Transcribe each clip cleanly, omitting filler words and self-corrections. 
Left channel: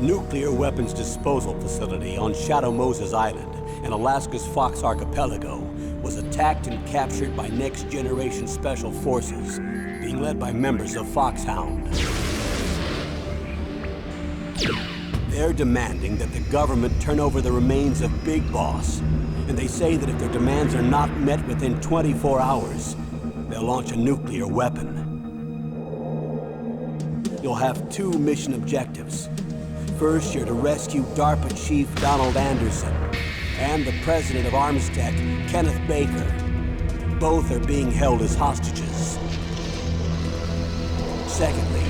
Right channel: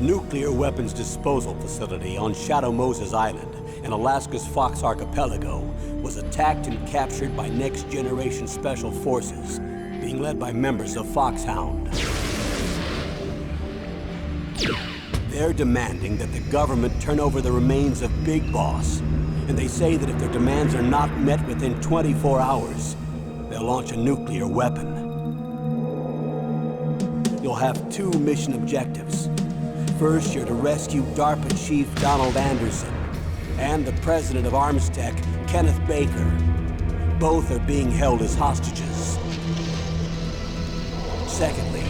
The nuclear weapons disposal facility on Shadow Moses Island in Alaska's Fox Archipelago was attacked and captured by next-generation special forces, being led by members of Foxhound. They're demanding that the government turn over the remains of Big Boss, and they say that if their demands are not met within 24 hours, they'll launch a nuclear weapon. You'll have two mission objectives. First, you're to rescue DARPA Chief Donald Anderson and the president of Arms Tech, Kenneth Baker. Both are being held as hostages. Secondly,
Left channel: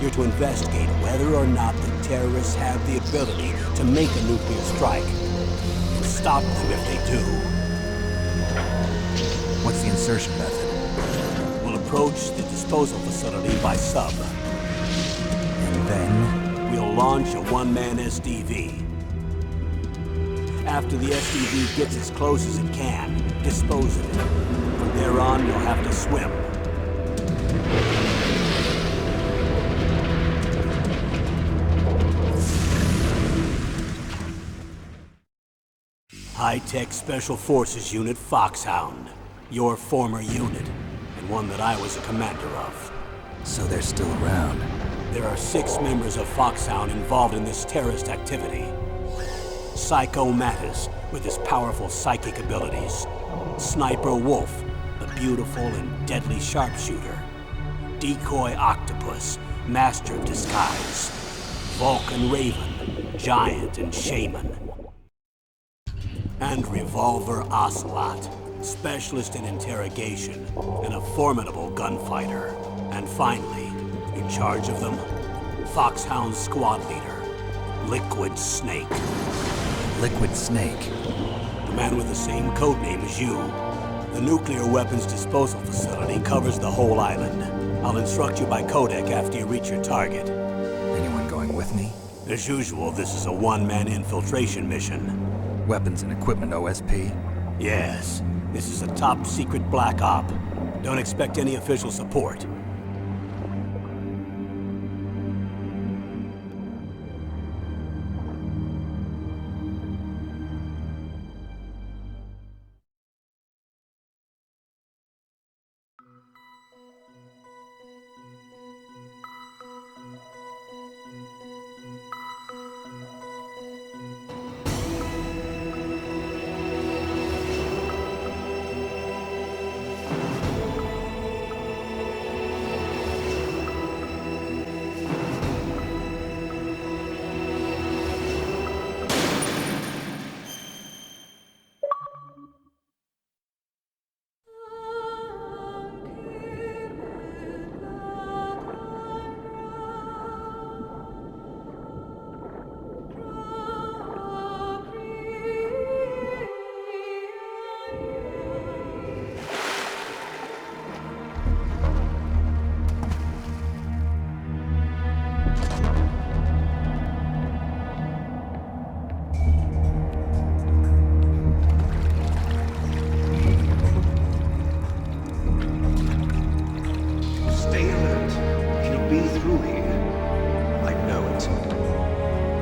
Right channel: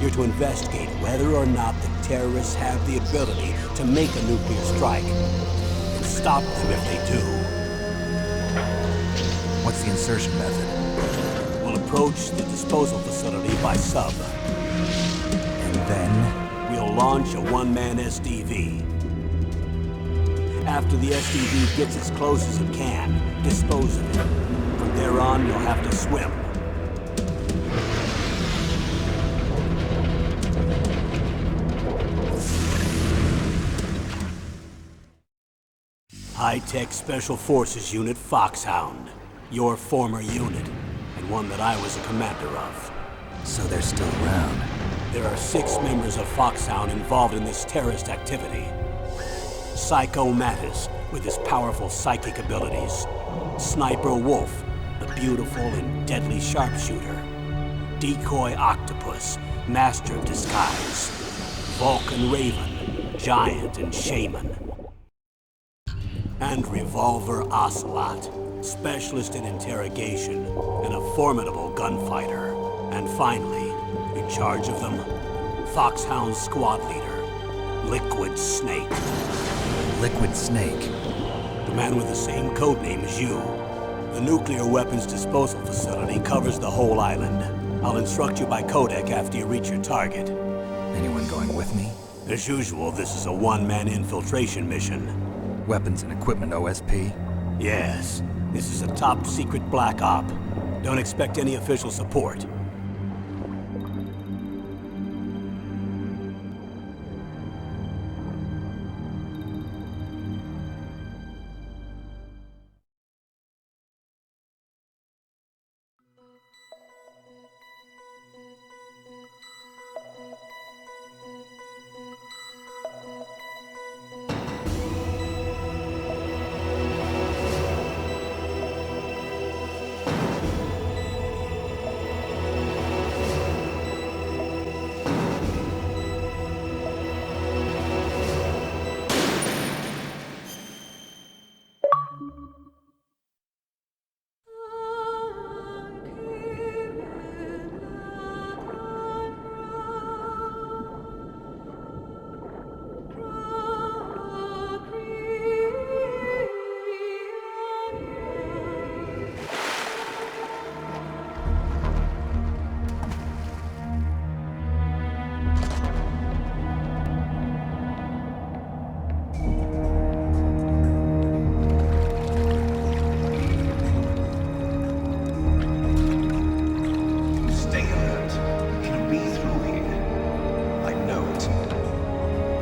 you're to investigate whether or not the terrorists have the ability to make a nuclear strike and stop them if they do. What's the insertion method? We'll approach the disposal facility by sub. And then? We'll launch a one-man SDV. After the SDV gets as close as it can, dispose of it. From there on, you'll have to swim. High-Tech Special Forces Unit Foxhound. Your former unit, and one that I was a commander of. So they're still around. There are 6 members of Foxhound involved in this terrorist activity. Psycho Mattis, with his powerful psychic abilities. Sniper Wolf, the beautiful and deadly sharpshooter. Decoy Octopus, master of disguise. Vulcan Raven, giant and shaman. And Revolver Ocelot, specialist in interrogation and a formidable gunfighter. And finally, in charge of them, Foxhound's squad leader, Liquid Snake. Liquid Snake? The man with the same codename as you. The nuclear weapons disposal facility covers the whole island. I'll instruct you by codec after you reach your target. Anyone going with me? As usual, this is a one-man infiltration mission. Weapons and equipment OSP? Yes. This is a top-secret black op. Don't expect any official support.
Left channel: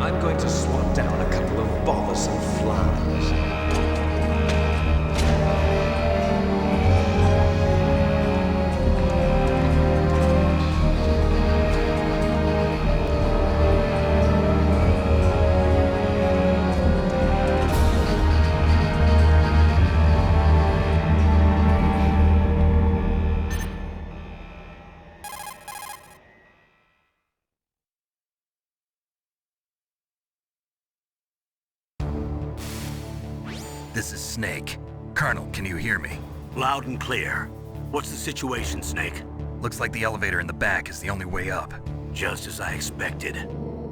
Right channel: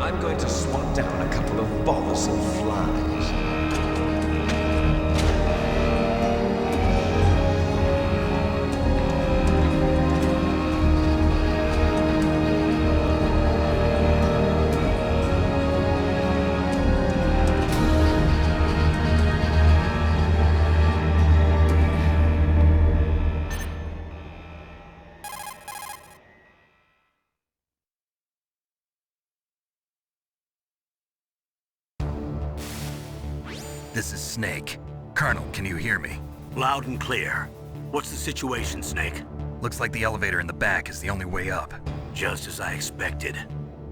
I'm going to swat down a couple of bothersome flies. This is Snake. Colonel, can you hear me? Loud and clear. What's the situation, Snake? Looks like the elevator in the back is the only way up. Just as I expected.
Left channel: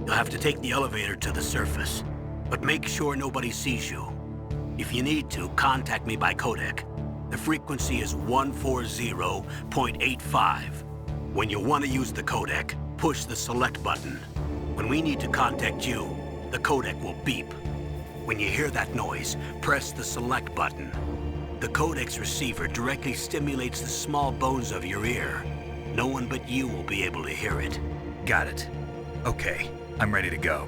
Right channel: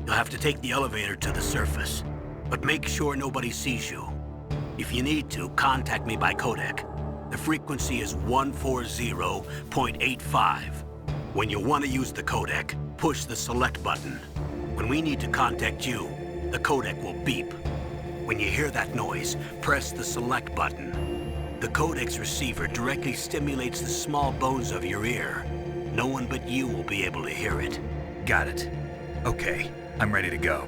You'll have to take the elevator to the surface. But make sure nobody sees you. If you need to, contact me by codec. The frequency is 140.85. When you want to use the codec, push the select button. When we need to contact you, the codec will beep. When you hear that noise, press the select button. The codec's receiver directly stimulates the small bones of your ear. No one but you will be able to hear it. Got it. Okay, I'm ready to go.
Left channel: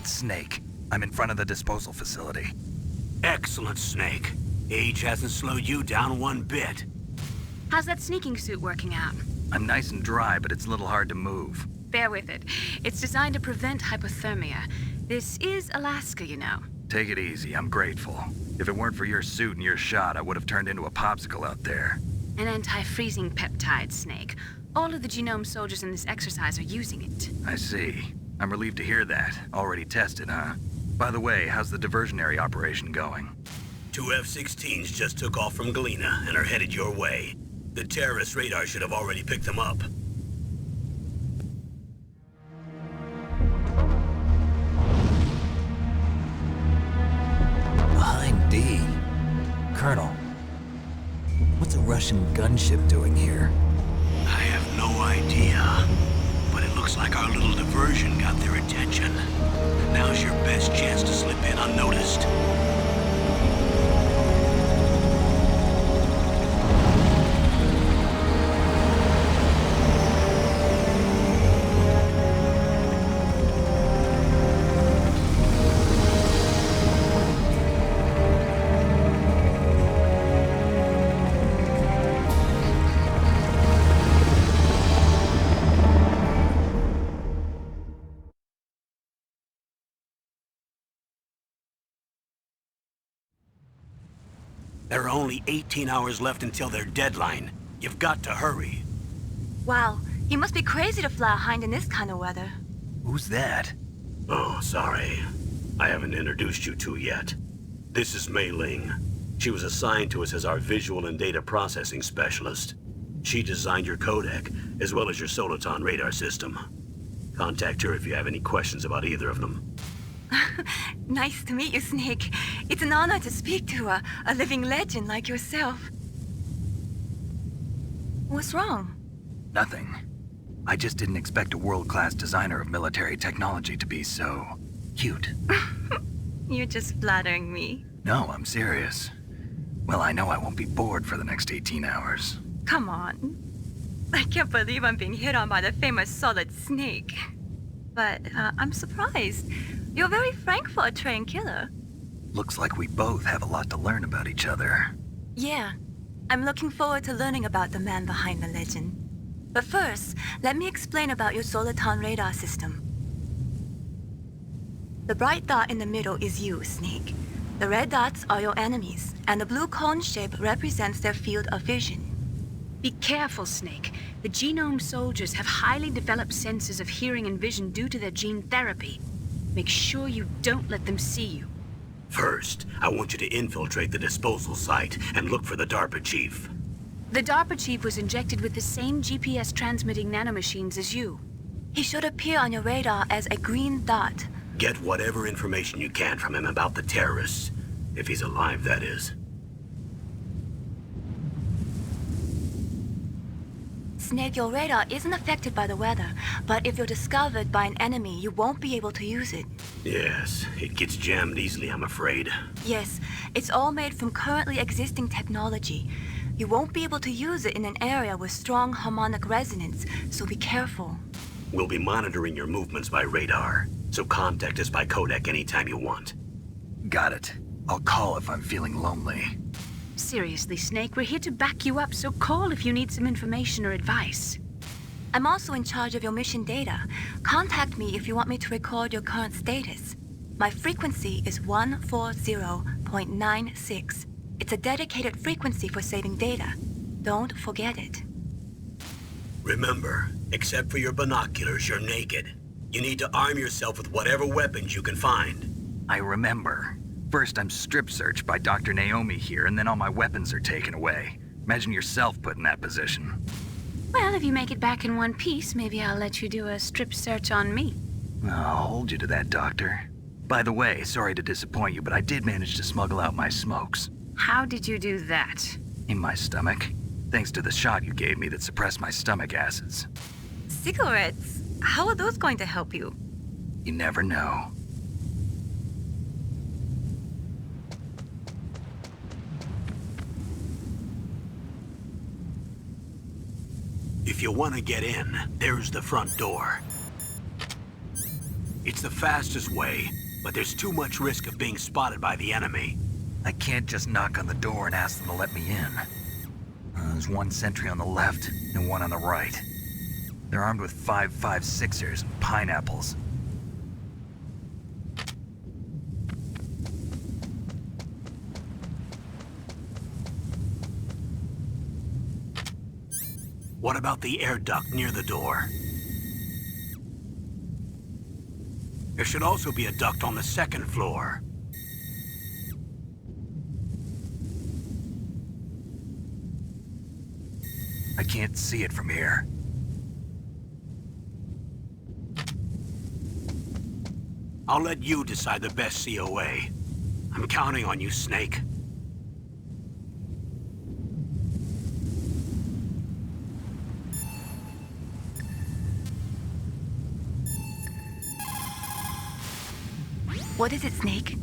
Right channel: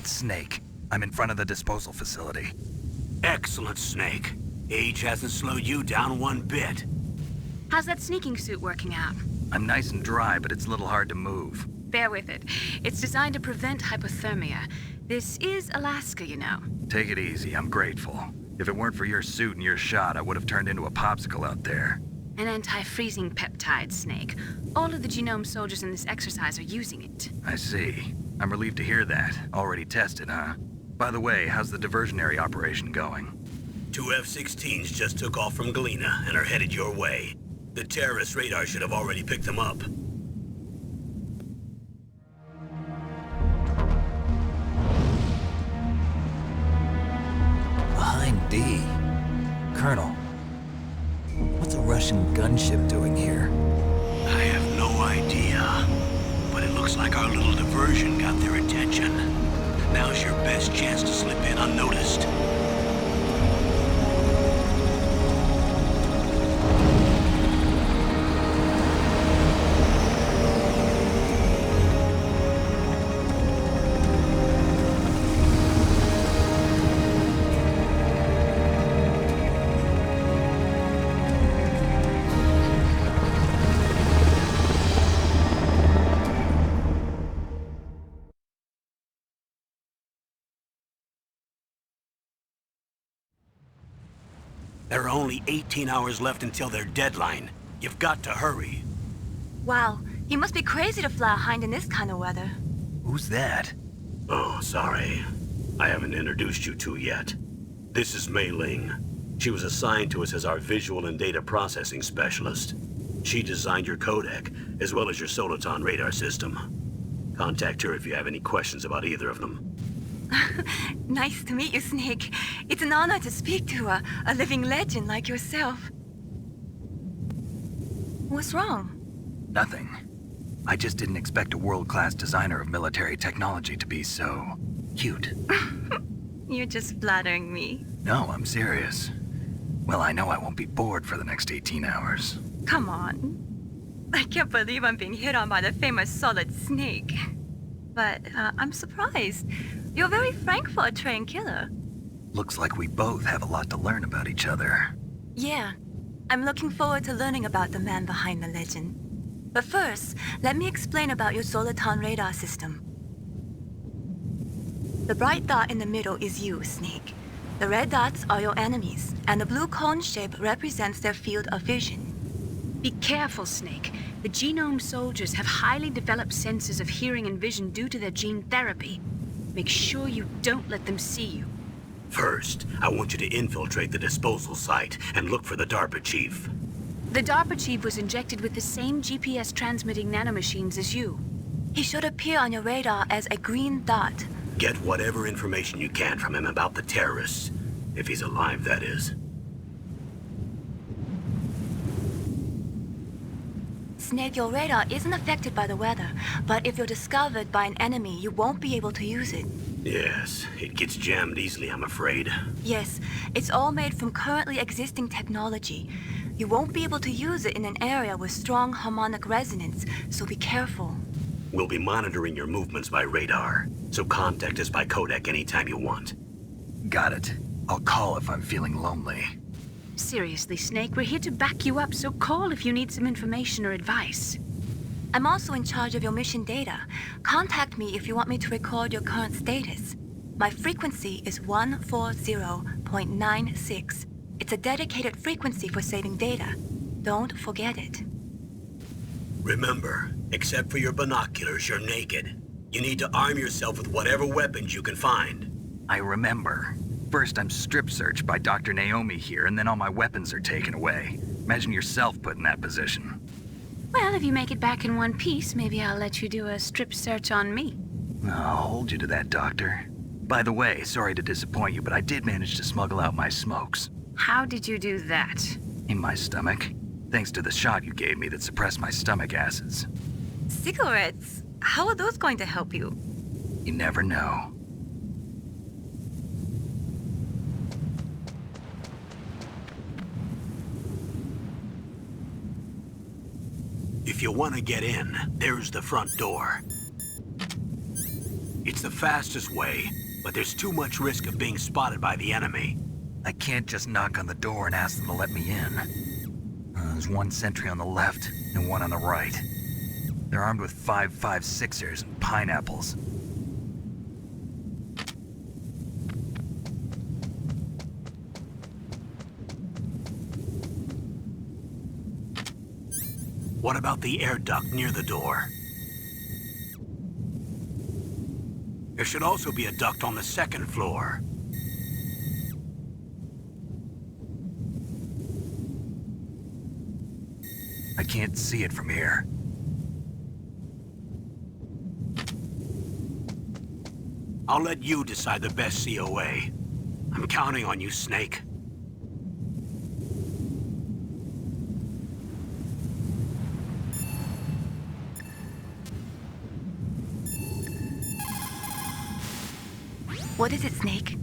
It's Snake. I'm in front of the disposal facility. Excellent, Snake. Age hasn't slowed you down one bit. How's that sneaking suit working out? I'm nice and dry, but it's a little hard to move. Bear with it. It's designed to prevent hypothermia. This is Alaska, you know. Take it easy, I'm grateful. If it weren't for your suit and your shot, I would have turned into a popsicle out there. An anti-freezing peptide, Snake. All of the genome soldiers in this exercise are using it. I see. I'm relieved to hear that. Already tested, huh? By the way, how's the diversionary operation going? 2 F-16s just took off from Galena and are headed your way. The terrorist radar should have already picked them up. Behind D. Colonel, what's a Russian gunship doing here? I have no idea, but it looks like our little diversion got their attention. Now's your best chance to slip in unnoticed. There are only 18 hours left until their deadline. You've got to hurry. Wow, he must be crazy to fly a hind in this kind of weather. Who's that? Oh, sorry. I haven't introduced you to yet. This is Mei Ling. She was assigned to us as our visual and data processing specialist. She designed your codec, as well as your Soliton radar system. Contact her if you have any questions about either of them. Nice to meet you, Snake. It's an honor to speak to a living legend like yourself. What's wrong? Nothing. I just didn't expect a world-class designer of military technology to be so cute. You're just flattering me. No, I'm serious. Well, I know I won't be bored for the next 18 hours. Come on. I can't believe I'm being hit on by the famous Solid Snake. But I'm surprised. You're very frank for a trained killer. Looks like we both have a lot to learn about each other. Yeah. I'm looking forward to learning about the man behind the legend. But first, let me explain about your Soliton radar system. The bright dot in the middle is you, Snake. The red dots are your enemies, and the blue cone shape represents their field of vision. Be careful, Snake. The genome soldiers have highly developed senses of hearing and vision due to their gene therapy. Make sure you don't let them see you. First, I want you to infiltrate the disposal site and look for the DARPA chief. The DARPA chief was injected with the same GPS transmitting nanomachines as you. He should appear on your radar as a green dot. Get whatever information you can from him about the terrorists. If he's alive, that is. Snake, your radar isn't affected by the weather, but if you're discovered by an enemy, you won't be able to use it. Yes, it gets jammed easily, I'm afraid. Yes, it's all made from currently existing technology. You won't be able to use it in an area with strong harmonic resonance, so be careful. We'll be monitoring your movements by radar, so contact us by codec anytime you want. Got it. I'll call if I'm feeling lonely. Seriously, Snake, we're here to back you up, so call if you need some information or advice. I'm also in charge of your mission data. Contact me if you want me to record your current status. My frequency is 140.96. It's a dedicated frequency for saving data. Don't forget it. Remember, except for your binoculars, you're naked. You need to arm yourself with whatever weapons you can find. I remember. First, I'm strip searched by Dr. Naomi here, and then all my weapons are taken away. Imagine yourself put in that position. Well, if you make it back in one piece, maybe I'll let you do a strip search on me. I'll hold you to that, Doctor. By the way, sorry to disappoint you, but I did manage to smuggle out my smokes. How did you do that? In my stomach. Thanks to the shot you gave me that suppressed my stomach acids. Cigarettes? How are those going to help you? You never know. If you want to get in, there's the front door. It's the fastest way, but there's too much risk of being spotted by the enemy. I can't just knock on the door and ask them to let me in. There's one sentry on the left and one on the right. They're armed with 5.56ers and pineapples. What about the air duct near the door? There should also be a duct on the second floor. I can't see it from here. I'll let you decide the best COA. I'm counting on you, Snake. What is it, Snake?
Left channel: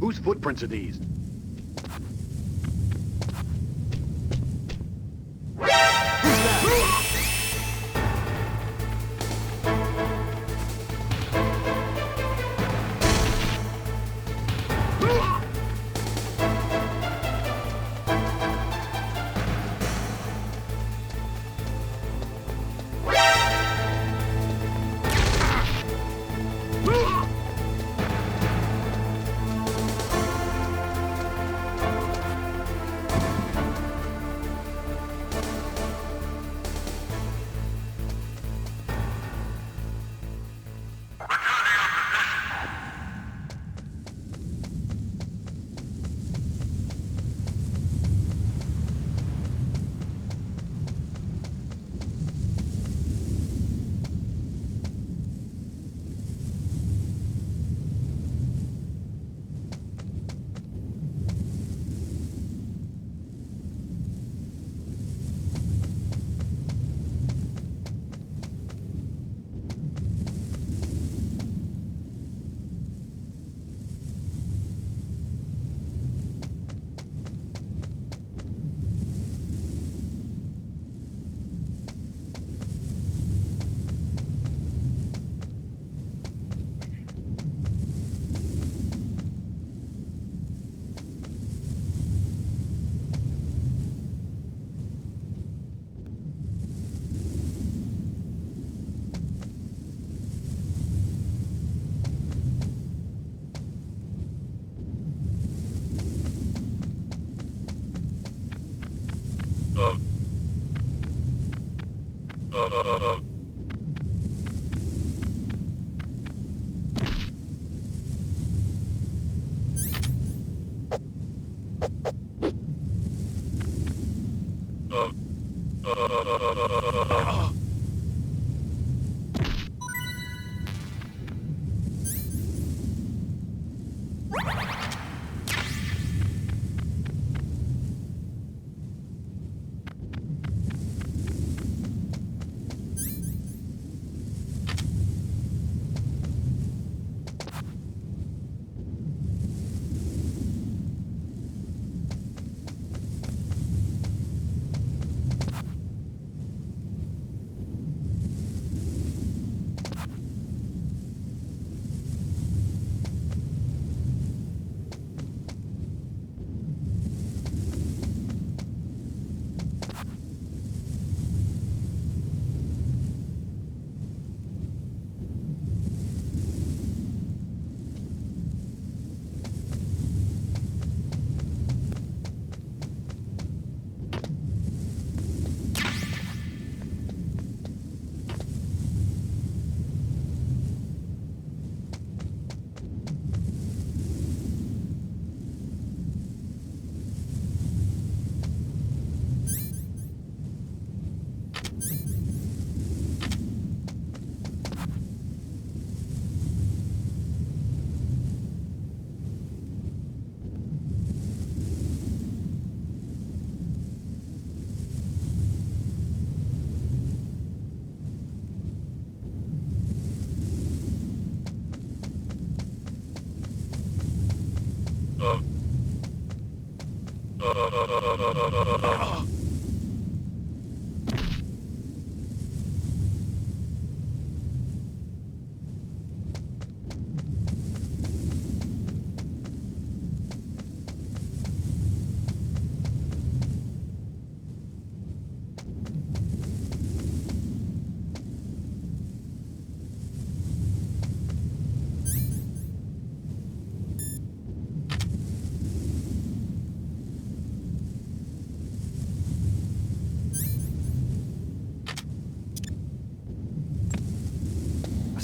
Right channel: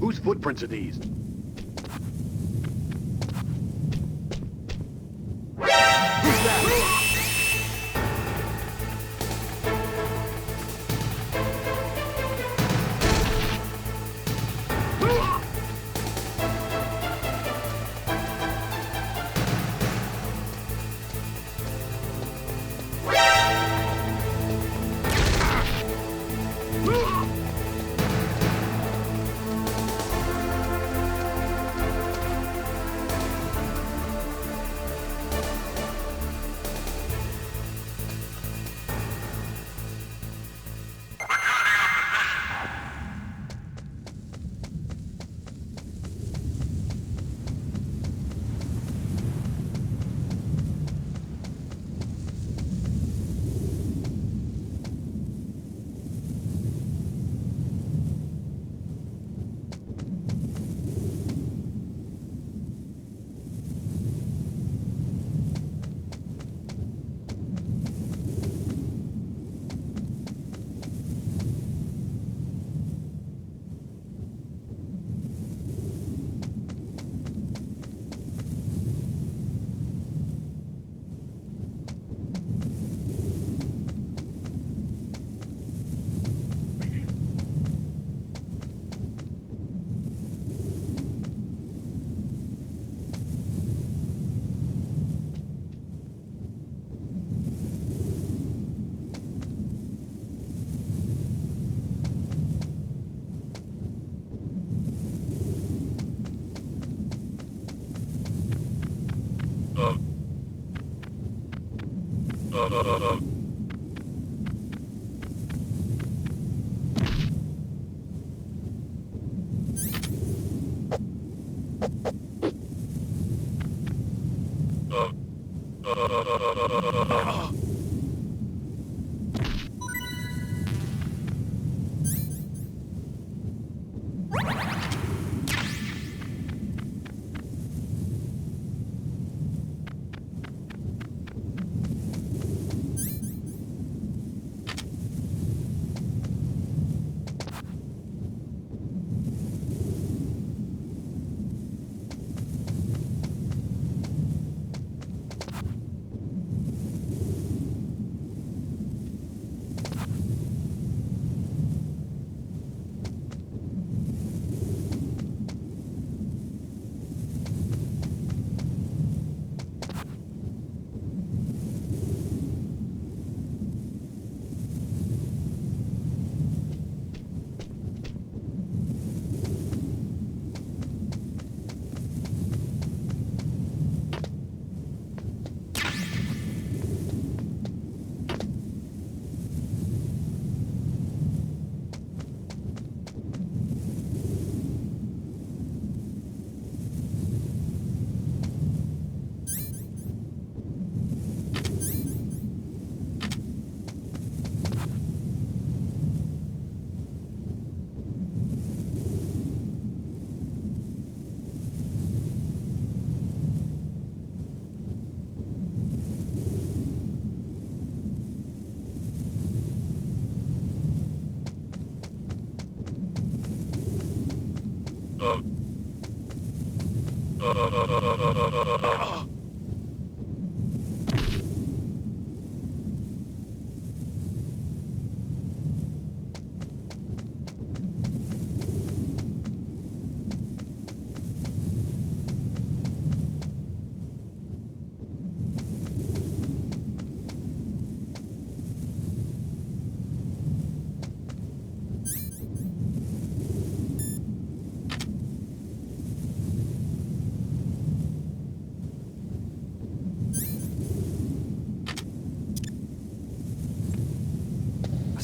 Whose footprints are these?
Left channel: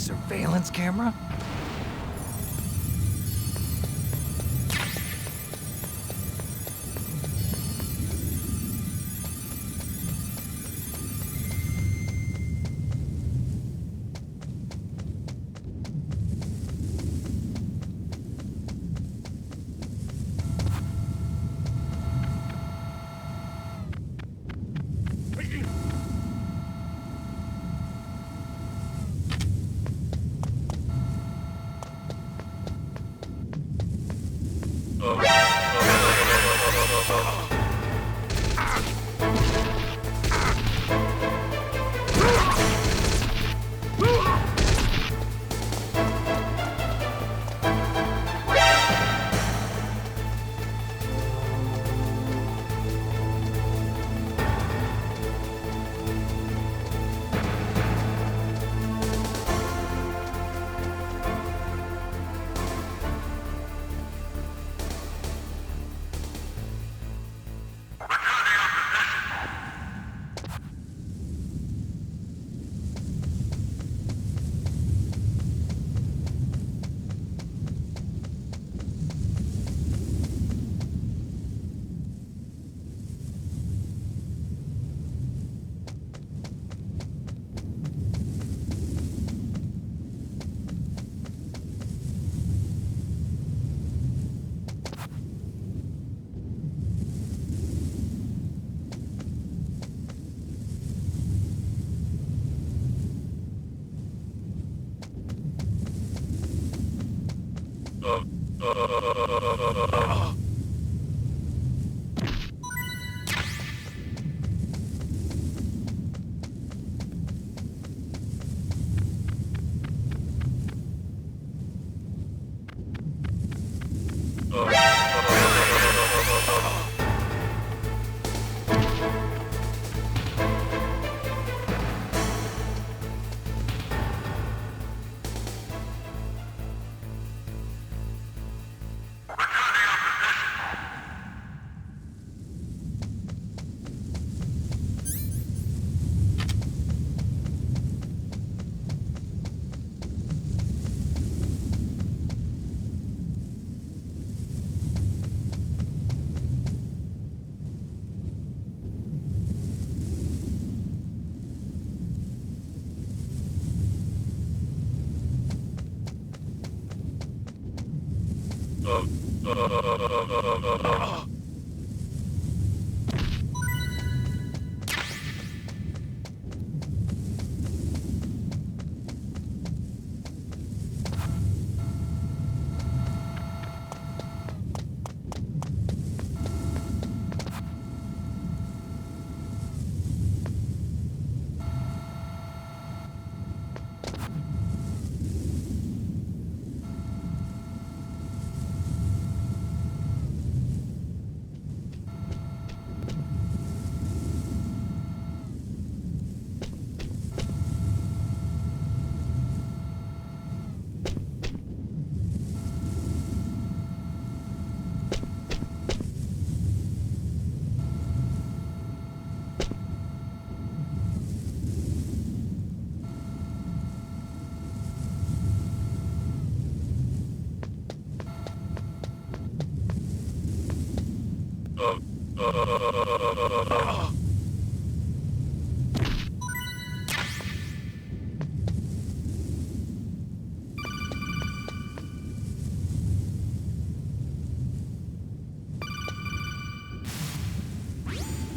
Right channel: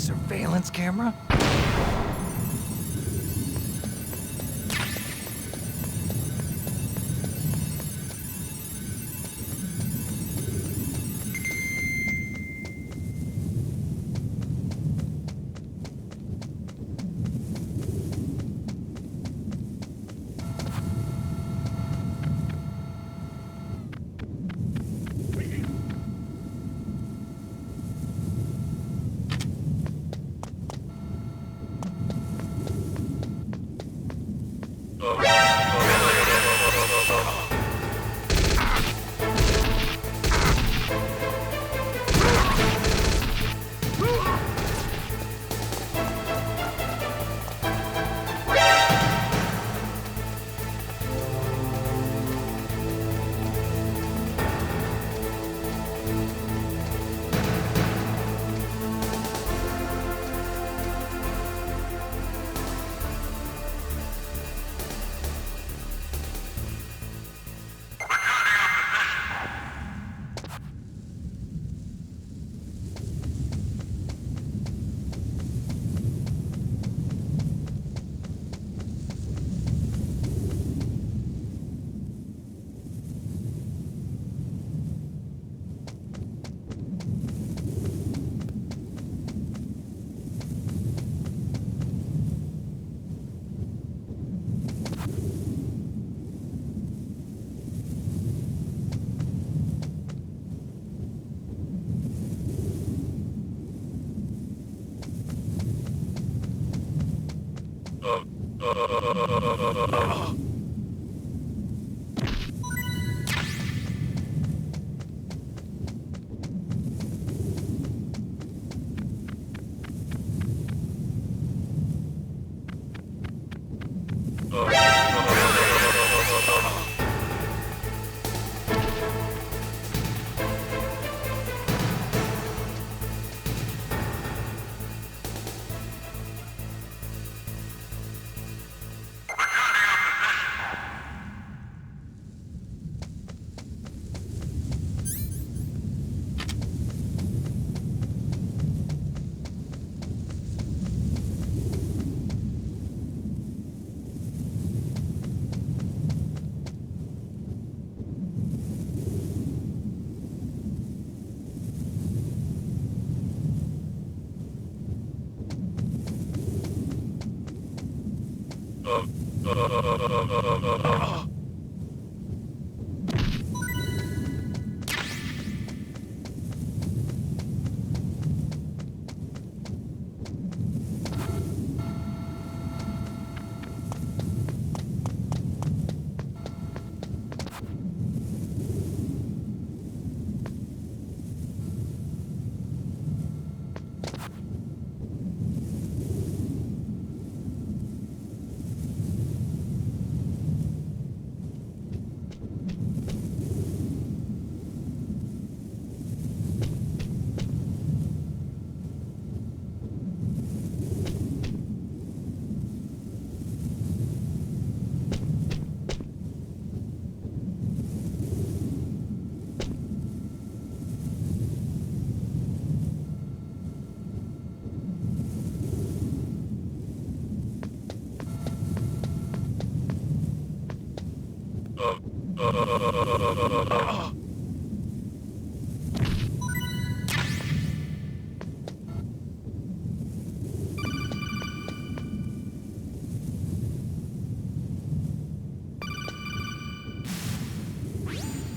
surveillance camera?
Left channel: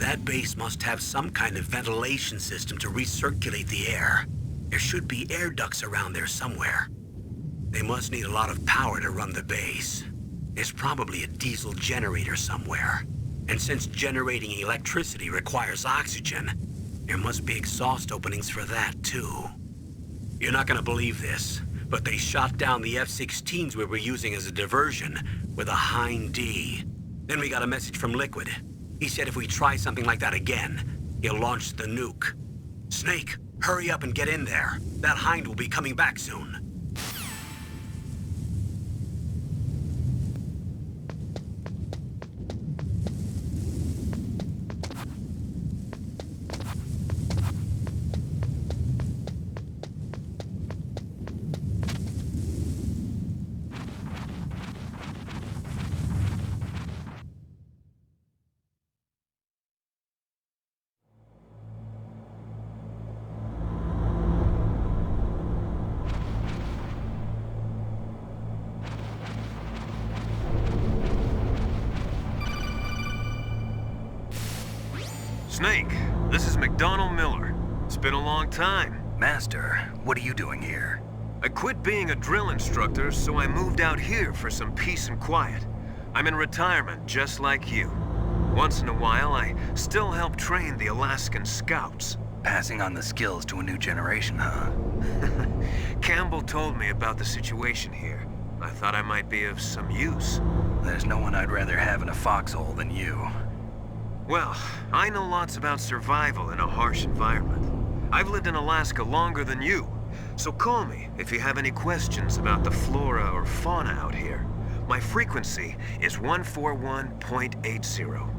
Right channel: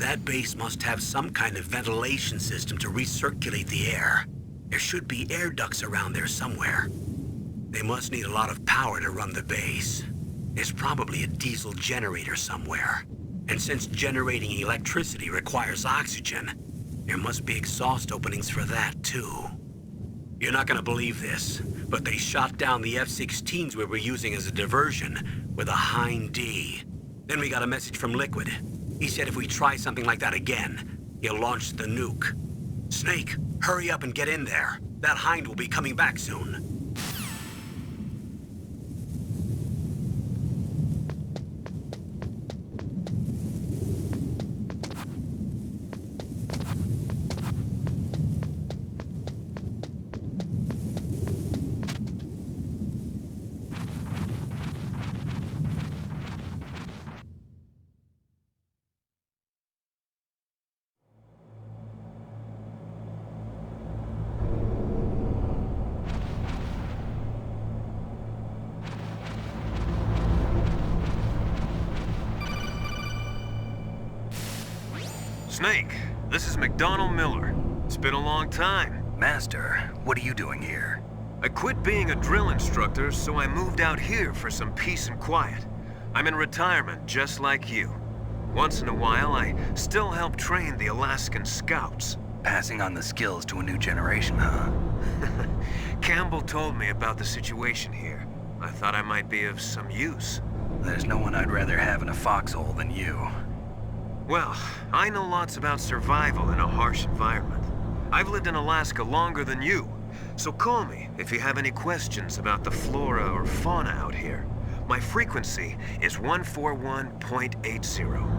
That base must have some kind of ventilation system to recirculate the air. There should be air ducts around there somewhere. They must need a lot of power to run the base. There's probably a diesel generator somewhere. And since generating electricity requires oxygen, there must be exhaust openings for that too. You're not gonna believe this, but they shot down the F-16s we were using as a diversion with a Hind D. Then we got a message from Liquid. He said if we try something like that again, he'll launch the nuke. Snake, hurry up and get in there. That Hind will be coming back soon. Snake, this is McDonald Miller. It's been a long time. Master, what are you doing here? I quit being a drill instructor, so I moved out here for some peace and quiet. I'm in retirement, just like you. Once in a while, I still help train the Alaskan Scouts. Passing on the skills to a new generation, huh? Campbell told me about the situation here. I thought I might be of some use. There's no one I'd rather have in a foxhole than you. Well, I know lots about survival in a harsh environment. I've lived in Alaska longer than you, so call me if you have any questions about the flora or fauna out here. My frequency is 141.80.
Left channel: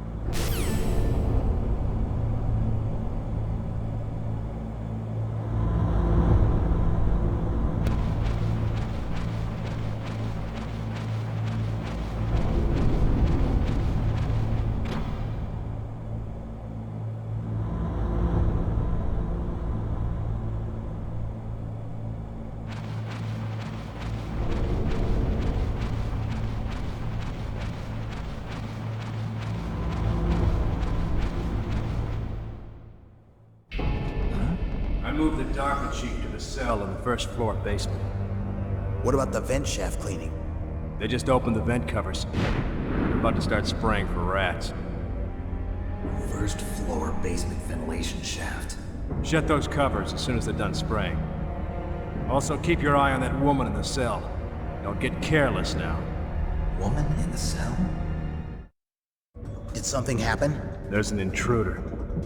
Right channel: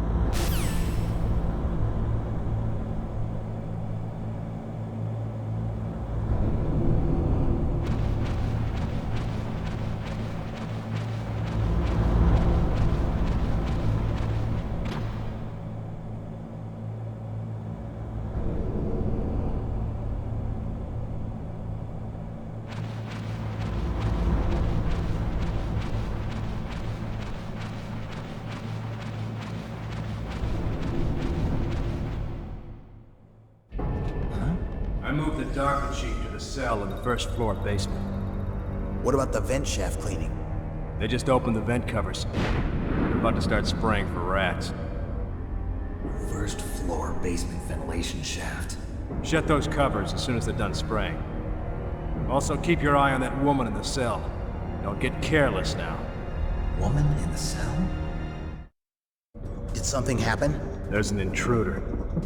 I moved the Darker Chief to the cell in the first floor basement. What about the vent shaft cleaning? They just opened the vent covers. They're about to start spraying for rats. First floor basement ventilation shaft. Shut those covers as soon as they're done spraying. Also, keep your eye on that woman in the cell. Don't get careless now. Woman in the cell? Did something happen? There's an intruder.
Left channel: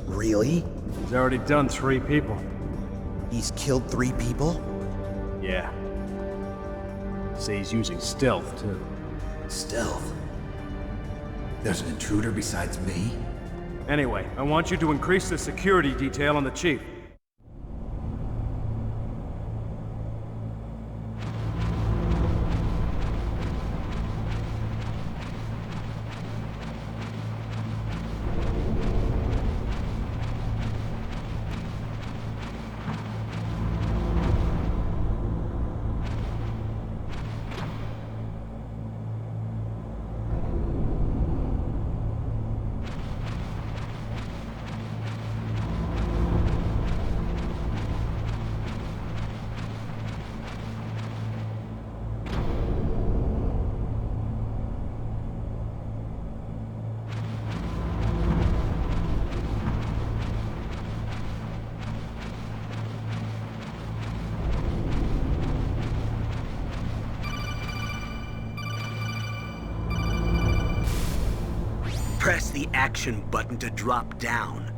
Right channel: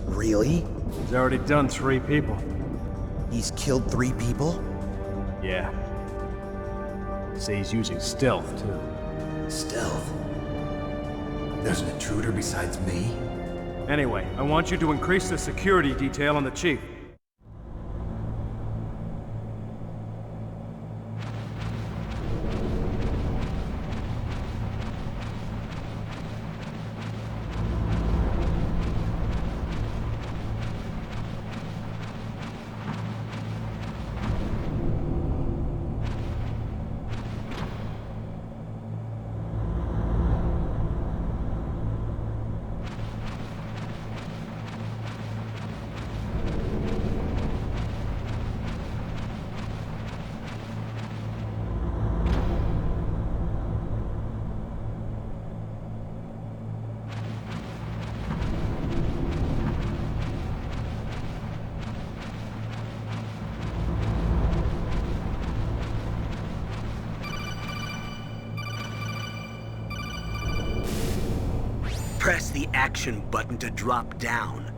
Really? He's already done 3 people. He's killed 3 people? Yeah. See, he's using stealth, too. Stealth? There's an intruder besides me? Anyway, I want you to increase the security detail on the Chief. Press the action button to drop down.